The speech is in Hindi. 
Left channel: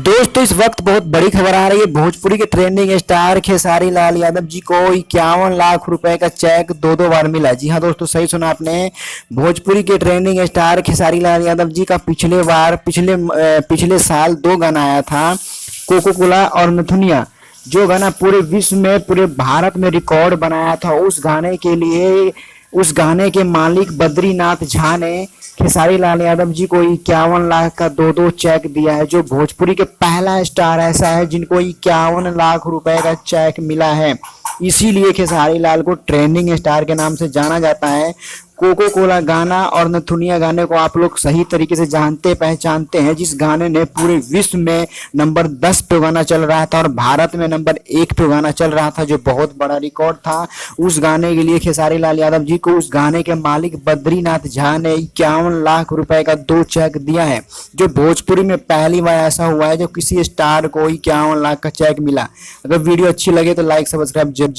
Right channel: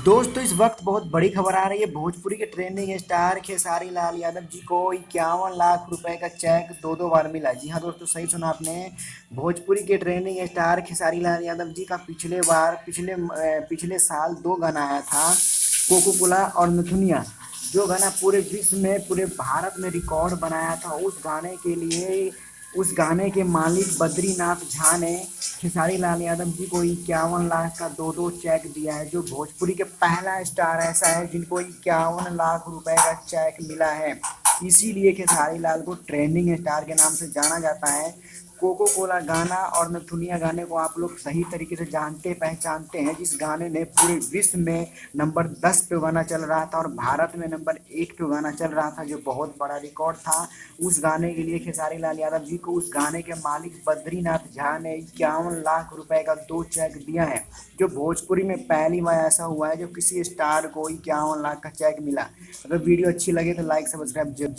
दोस्तों इस वक्त बहुत बड़ी खबर आ रही है। भोजपुरी के ट्रेंडिंग स्टार खेसारी लाल यादव जी को 51 लाख रुपए का चेक दो बार मिला। जी हाँ दोस्तों, सही सुना आपने। भोजपुरी के ट्रेंडिंग स्टार खेसारी लाल यादव जी का पिछले साल दो गाना आया था, कोको कोला और नथुनिया। जो गाना पूरे विश्व में, पूरे भारत में रिकॉर्ड बनाया था। उस गाने के मालिक बद्रीनाथ झा ने खेसारी लाल यादव जी को 51 लाख का दो चेक दिया है। जो भोजपुरी के पहला स्टार ऐसा है जिनको 51 लाख रुपए का चेक मिला है। इसीलिए खेसारी लाल को ट्रेंडिंग स्टार के नाम से जाना जाता है। कोको कोला गाना और नथुनिया गाने को आप लोग सही तरीके से जानते पहचानते हैं, जिस गाने ने पूरे विश्व में नंबर 10 पे गाना चल रहा था और भारत में नंबर 1 पे गाना चल रहा था, जो बहुत बड़ा रिकॉर्ड था। उस गाने के लिए खेसारी लाल यादव जी को उस गाने के मालिक बद्रीनाथ झा ने 51 लाख रुपए का दो चेक दिया है। जो भोजपुरी में पहली बार ऐसा हुआ है जो किसी स्टार को 51 लाख का चेक मिला। अगर वीडियो अच्छी लगे तो लाइक सब्सक्राइब जरूर